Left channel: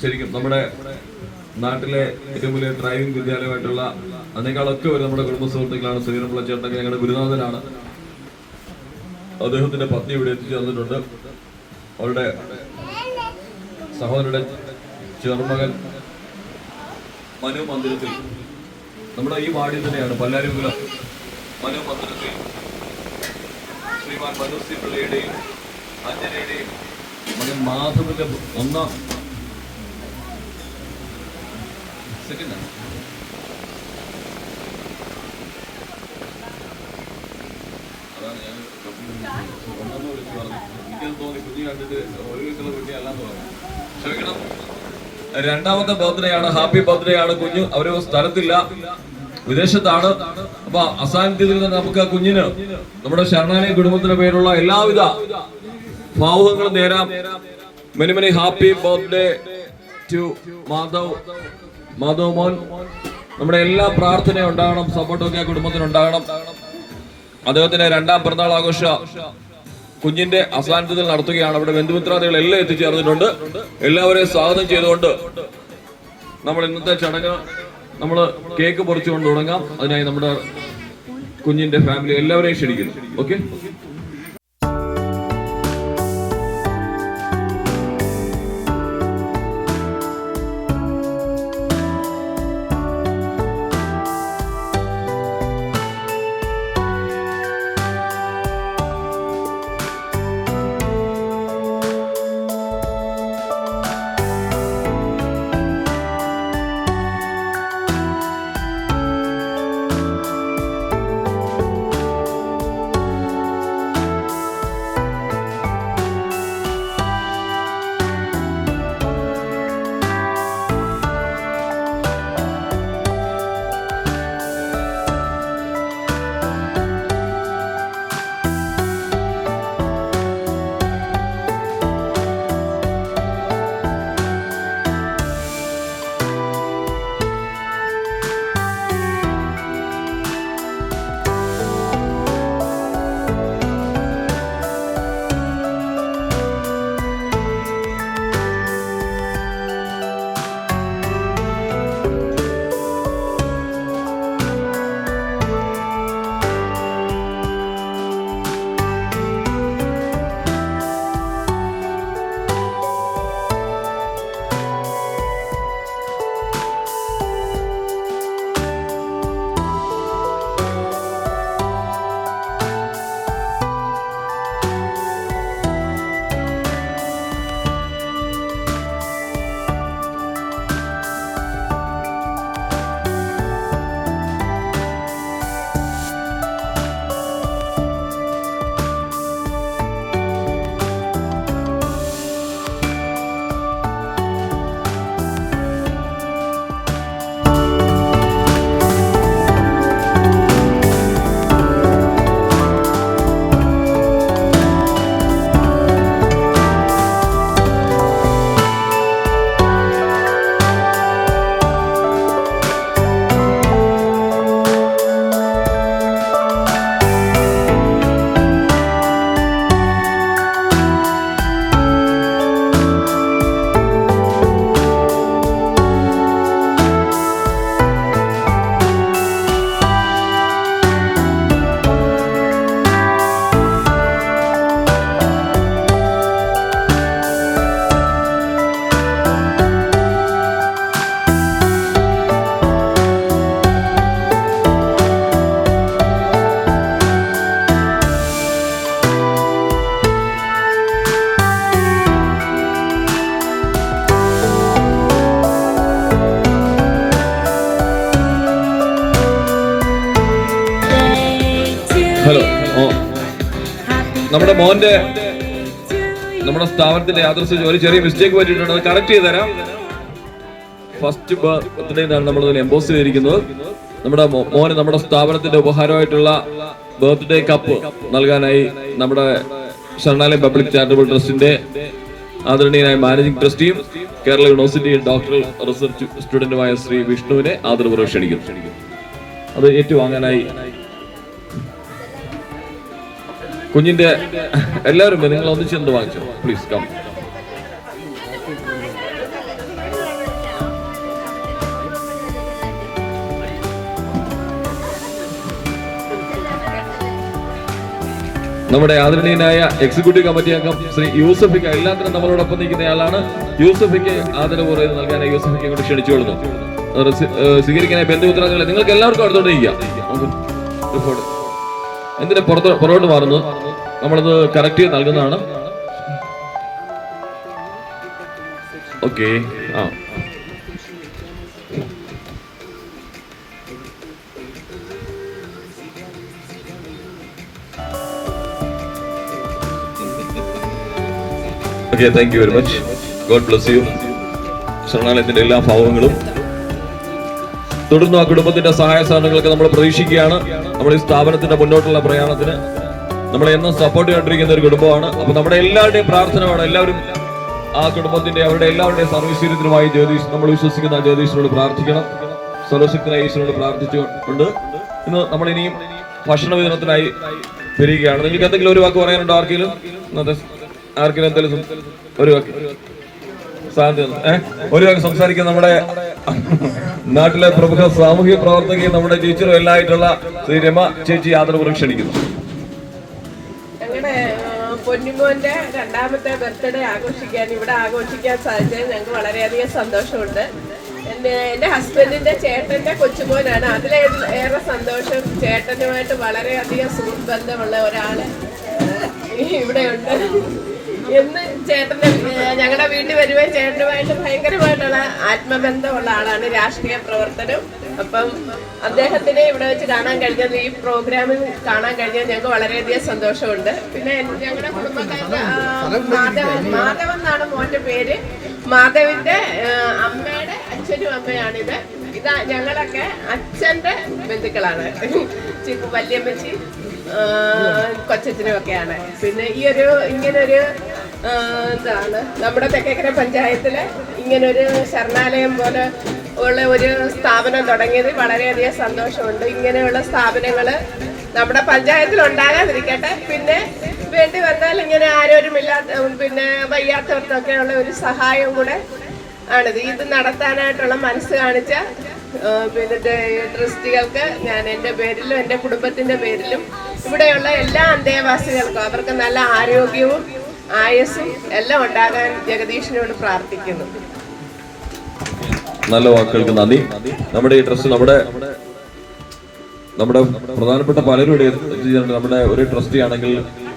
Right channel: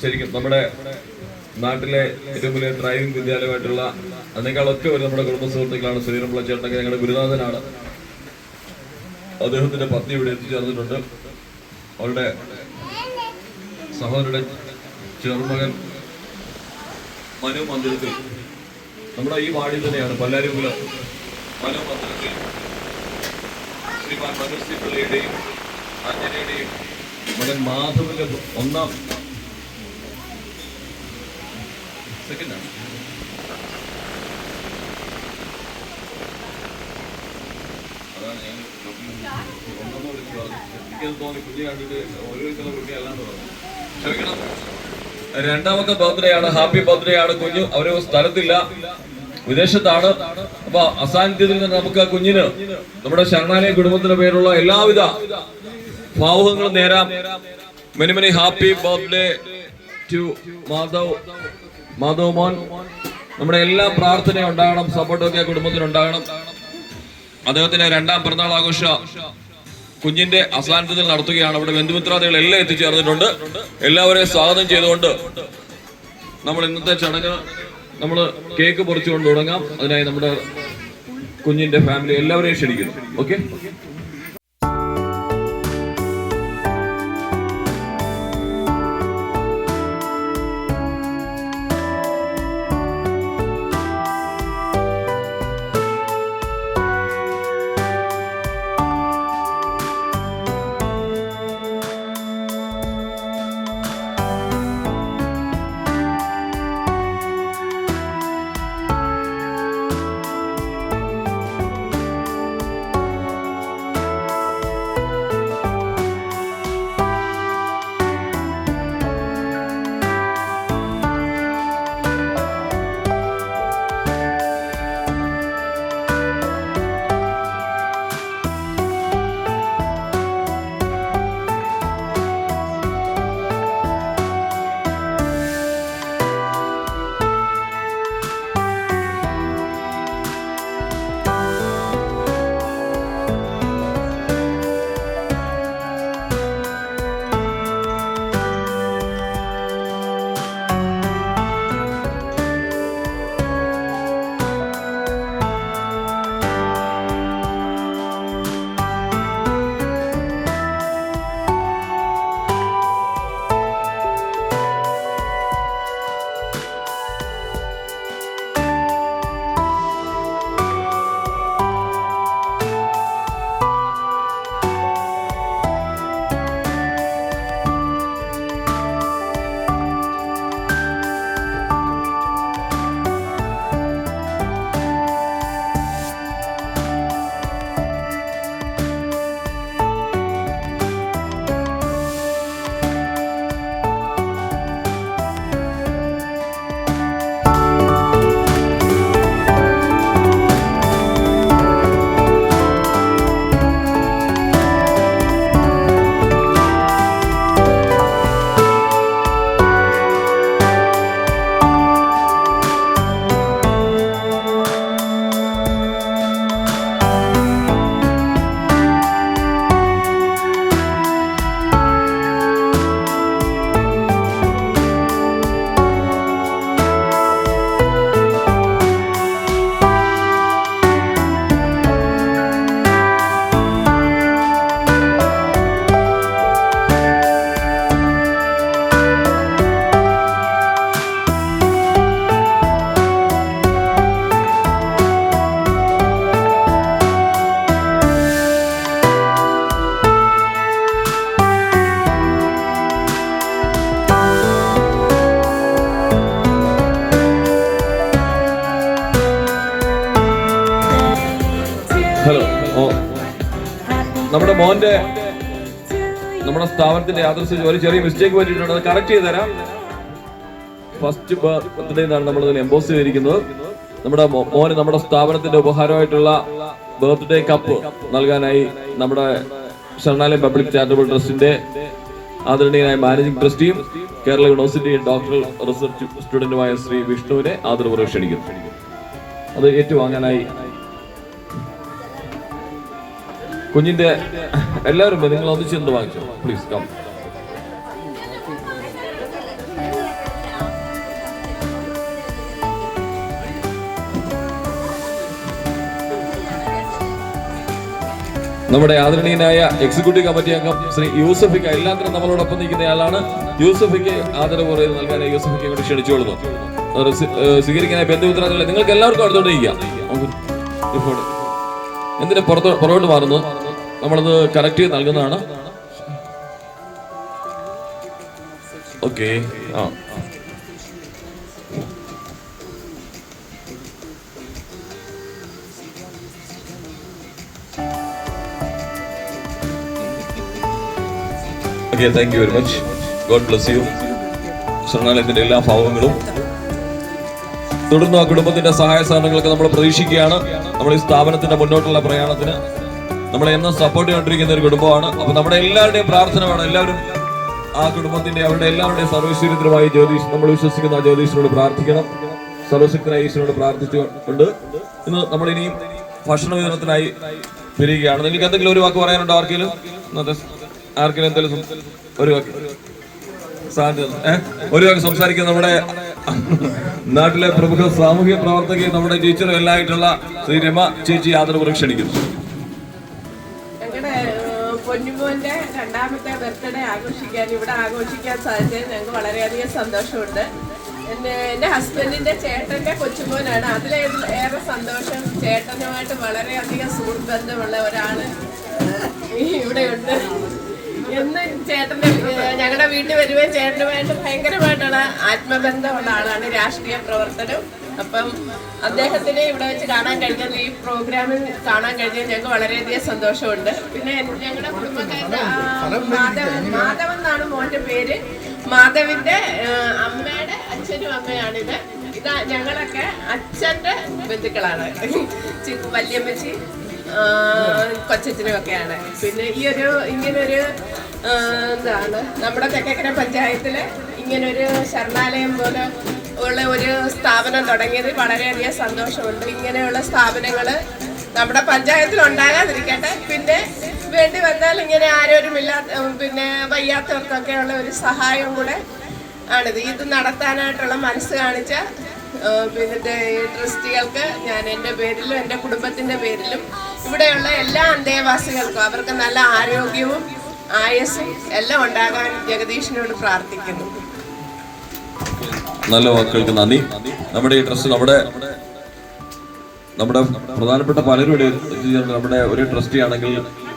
ശരിക്കും നമ്മുടെ നാട്ടിലെ ഏറ്റവും വലിയ ഡ്രൈവിംഗ് വിദ്യാലയമായിട്ടുള്ള അതിനേക്കാളൊക്കെ ഒരു നമ്മുടെ കുടുംബ സുഹൃത്തുക്കളാണ്. ശ്രീരംപിള്ള ചേട്ടനൊക്കെ ഞങ്ങളുടെ ഗുരുനാഥനാണ്. അദ്ദേഹത്തിന്റെ പത്നി ഇവിടെ എത്തിച്ചേർന്നിട്ടുണ്ട്. അവരുടെ സഹോദരന്റെ ചെറുമകൻ മനു മന്ദിരത്തിൽ, നമ്മുടെ ഈ വാർഡിൽ തന്നെയാണ്, പല്ലാരിമുക്കില് മനു മന്ദിരത്തിൽ ശ്രീമാൻ മനോജ് സി പിള്ളയുടെയും അഞ്ജനയുടെയും മകൻ മാധവിന്റെ ഒന്നാം സെക്കൻഡാണ്. അതാണ് ഞാൻ ഒന്നെന്ന് വിളിച്ച് പറഞ്ഞു. എനിക്കത് തോന്നി, കുഞ്ഞ് കണ്ടിട്ട് ഒരു വയസ്സുള്ള കുഞ്ഞെല്ലാം തോന്നുന്നു. ക്ഷമിക്കണം. രണ്ടാമത്തെ ബർത്ത്ഡേ ആണ്, ഹാപ്പി ബർത്ത്ഡേ ആണ് കുഞ്ഞു. അവര് സ്ഥലത്തില്ല, വിദേശത്താണ്. അപ്പൊ അസാന്നിധ്യത്തിൽ നിന്ന് നമുക്ക് കുഞ്ഞിന് നമ്മുടെ ശരണാലയ കുടുംബത്തിന്റെ പേരുള്ള എല്ലാവിധ ഭാവുകങ്ങളും നേരാം. Many many happy birthday to Madhav മോൻ. നമ്മുടെ എല്ലാ പ്രാർത്ഥനയും ഉണ്ടാകണം, സപ്പോർട്ടൊക്കെ കുടുംബത്തിനുണ്ടാകണം. അദ്ദേഹത്തിന്റെ രണ്ടാം പിറന്നാൾ ആഘോഷ കുഞ്ഞിന്റെ അസാന്നിധ്യത്തിൽ നടത്തുകയാണ്. അവിടെ ബന്ധുമിത്രാദികൾ എല്ലാം എത്തിച്ചേർന്നിട്ടുണ്ട്. എല്ലാവരെയും സ്വാഗതം ചെയ്തുകൊണ്ട് നമ്മൾ ഇന്നത്തെ ചടങ്ങ് നമ്മൾ കേക്ക് പൊറിച്ചുകൊണ്ട് തുടങ്ങാം. അതിനായി നമ്മുടെ കുഞ്ഞിന്റെ ഫാമിലി എല്ലാവരെയും ക്ഷണിക്കുന്നു. ഓക്കെ. ഹലോ, നമ്മുടെ മോന്റെ നമ്മുടെ സ്ഥാപനത്തിന്റെ യാദൃശ്യം ഒരു ചെറിയ മിസ്റ്റേക്ക് പറ്റിയിട്ടുണ്ട്, അത് കറക്റ്റ് ചെയ്ത് തരാം. ഫസ്റ്റ് ബർത്ത്ഡേ എന്നാണ് നമ്മൾ എംബോസ് ചെയ്തിരിക്കുന്നത്. നമ്മുടെ മോന് നമ്മുടെ സ്ഥാപനത്തിന്റെ ഉപഹാരമായിട്ടുള്ള ബർത്ത്ഡേ കപ്പ് നൽകാനായി നമ്മുടെ ശരണാലയം പബ്ലിക് ചാരിറ്റബിൾ ട്രസ്റ്റിന്റെ ആദരണീയനായ മാനേജിംഗ് ട്രസ്റ്റിയും കേരള യൂണിവേഴ്സിറ്റി ഡോക്ടറൽ റിസർച്ച് സ്റ്റുഡന്റുമായ ശ്രീ വിഷ്ണുവിനെ ആദരപൂർവ്വം ക്ഷണിക്കുന്നു. അത് ഏറ്റുവാങ്ങാനായി കുഞ്ഞിന്റെ എല്ലാവരും നിങ്ങൾ ഒന്നിച്ചെന്ത് വാങ്ങിച്ചു, പ്ലീസ് കം. നമ്മുടെ ആദരണീയനായ എക്സിക്യൂട്ടീവ് കമ്മിറ്റി അംഗം ശ്രീ യൂസഫിക്ക എല്ലാത്തിനും നമ്മളോടൊപ്പം നിൽക്കുന്നയാളാണ്. യൂസഫിക്ക് ആദരപൂർവ്വം ഇത് നൽകാൻ യൂസഫിക്ക് കൊണ്ട് ക്ഷണിച്ചുകൊള്ളുന്നു. സ്വീകരിക്കാനായി ബന്ധുമിത്രാദികളെ നിങ്ങൾക്ക് എല്ലാവർക്കും അടുത്തോട്ട് ഇരിക്കാം. എന്തിനാ പുറകോട്ട് മാറുന്നു? നമ്മളത് കറക്റ്റ് ചെയ്ത് നൽകുന്നതാണ്. ഓക്കെ. ആ thank you very much. God bless you. ശരണാലയത്തിന്റെ എല്ലാ ഭാവങ്ങളും തുടർന്ന് ആ കുടുംബത്തിന്റെ സഹായ സഹകരണങ്ങളൊക്കെ നമ്മൾ പ്രതീക്ഷിക്കുകയാണ്. നമ്മുടെ ഈ സ്ഥാപനത്തിന്റെ മുന്നോട്ടുള്ള പ്രയാണത്തിന് നമ്മളെ എന്നും സപ്പോർട്ട് ചെയ്തുകൊണ്ടിരിക്കുന്ന ഒരു കുടുംബമാണ്. അപ്പൊ നമ്മുടെ എല്ലാവരുടെയും പ്രാർത്ഥന വേണം. എല്ലാവരും ആ കുടുംബത്തിന്റെ അവരുടെ എല്ലാവരുടെയും സർവീശ്വര്യത്തിനുമായി ജ്യോതിഷ് നമ്മൾ വിശ്വസിക്കുന്ന ആ ജ്യോതിഷിനോട് പ്രാർത്ഥിക്കണം. സർവശക്തനായ ഈശ്വരനോട് പ്രാർത്ഥിച്ചുകൊണ്ട് ഇന്ന് നമ്മൾ ഇനിയും ഭക്ഷണ വിതരണത്തിനായി വരികയാണ്. നിങ്ങൾക്ക് എന്തെങ്കിലും ഒരു വാക്ക് പറയാനുണ്ടോ? ആർക്കെങ്കിലും എന്തെങ്കിലും ഒരു വാക്ക് ഒരു വാക്ക് സംസാരിക്കുന്ന നമ്മുടെ നാട്ടിലെ പ്രമുഖ സാമൂഹ്യ പ്രവർത്തകയും നമ്മുടെ ടീച്ചറും എല്ലായിട്ടുള്ള ശ്രീ രമ ചേച്ചി ആദരപൂർവ്വം ക്ഷണിക്കുന്നു. ഞങ്ങളുടെ പൊന്നുമോന്റെ 2ാമത്തെ ബർത്ത്ഡേ ഇവിടെ ആഘോഷിക്കാൻ സാധിച്ചത് ഞങ്ങൾക്ക് വളരെയധികം സന്തോഷമുണ്ട്. എൻ്റെ ഹസ്ബൻഡിന്റെ ചേട്ടന്റെ കൊച്ചുമോനാണ്. അതിലേറെ സന്തോഷം ചേട്ടനുമായിട്ട് വളരെയധികം സുഹൃത്ത് ബന്ധമുള്ള ഒരാള് ഇവിടെയുണ്ട്. എന്ന് ചേട്ടൻ്റെ ഞങ്ങളുടെ വീട്ടിൽ വരുമ്പോൾ ചേട്ടനുമായിട്ട് ഭയങ്കരമായിട്ടുള്ള ആത്മബന്ധമുള്ള ആളാണ്. രാഷ്ട്രീയ പ്രവർത്തനം. അപ്പം അദ്ദേഹത്തിനെ ഇവിടെ വെച്ച് കാണാൻ കഴിഞ്ഞത്, ഈ പ്രോഗ്രാമിൽ കാണാൻ കഴിഞ്ഞത് ഞങ്ങൾക്ക് വളരെയധികം സന്തോഷമുണ്ട്. പിന്നെ ഞങ്ങളുടെ കുടുംബക്കാരുടെ മാധവൻ എന്നാണ് മോന്റെ പേര്. മാധവിന്റെ അമ്മയുടെ അച്ഛനും അമ്മയാണിത്. ഇതാ ഞങ്ങളൊക്കെ അച്ഛന്റെ ബന്ധുക്കളാണ്. വല്യമ്മച്ചി കൊച്ചച്ഛനും ഒക്കെയാണ്. പിന്നെ ഇങ്ങനൊരു എന്താണ് നമ്മുടെ തെക്കേക്കര പഞ്ചായത്തിലെ ഇങ്ങനൊരു ശരണാലയം പോലെ ഉള്ള ഒരു സ്ഥാപനം തുടങ്ങിയത് വളരെയധികം സന്തോഷമുണ്ട്. ഇങ്ങനെയുള്ള സ്ഥാപനങ്ങൾ നമ്മുടെ പഞ്ചായത്തിൽ ഉണ്ടാകാതിരിക്കട്ടെ. പിന്നെ വേണ്ടി വന്നാൽ ഇങ്ങനെ ആരോരുമില്ലാത്ത പിന്നെ വയ്യാത്തവർക്കൊക്കെ ഉള്ള ഒരു സഹായം കൂടെ ആണിത്. ഇത് നടത്താനായിട്ടുള്ള മനസ്സ് കാണിച്ച പിന്നെ ട്രസ്റ്റികൾക്ക് ഞാൻ എൻ്റെ പേരിലും എൻ്റെ കുടുംബത്തിൻ്റെ പേരിലും ഇവിടെയുള്ള എല്ലാ അന്തേവാസികൾക്കും അവർക്ക് നല്ല ആരോഗ്യവും ആയുസ്സും എല്ലാം ഉണ്ടാകാൻ ജഗദീഷിനോട് പ്രാർത്ഥിക്കുന്നു. നല്ല വാക്കുകൾക്ക് നന്ദി. നമ്മുടെ ഈ ട്രസ്റ്റ് നമ്മുടെ പ്രധാനപ്പെട്ട പലരും ഇവിടെ നമ്മുടെ ഒരു ട്രസ്റ്റി ആണെങ്കിൽ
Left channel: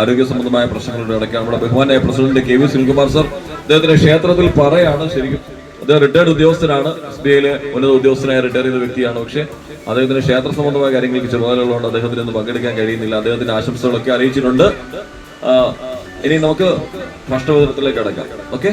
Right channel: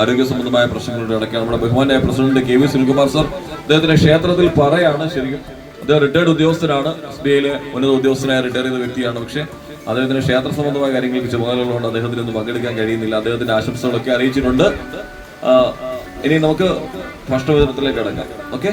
ആരോഗ്യ സംബന്ധമായ പ്രശ്നങ്ങളുടെ ഇടയ്ക്കാണ് നമ്മുടെ ബഹുമാനായ പ്രസിഡന്റ് KV സുനിൽകുമാർ സർ. അദ്ദേഹത്തിന്റെ ക്ഷേത്രത്തിൽ പറയാണ്. ശരിക്കും അദ്ദേഹം റിട്ടയർഡ് ഉദ്യോഗസ്ഥനാണ്. SBIയിലെ ഉന്നത ഉദ്യോഗസ്ഥനായ റിട്ടയർ ചെയ്ത വ്യക്തിയാണ്. പക്ഷേ അദ്ദേഹത്തിന് ക്ഷേത്ര സംബന്ധമായ കാര്യങ്ങൾക്ക് ചുമതലകളുണ്ട്. അദ്ദേഹത്തിന് ഒന്നും പങ്കെടുക്കാൻ കഴിയുന്നില്ല. അദ്ദേഹത്തിന്റെ ആശംസകളൊക്കെ അറിയിച്ചിട്ടുണ്ട്. ഇനി നമുക്ക് ഭക്ഷണ വിതരണത്തിലേക്ക് കടക്കാം. ഓക്കെ.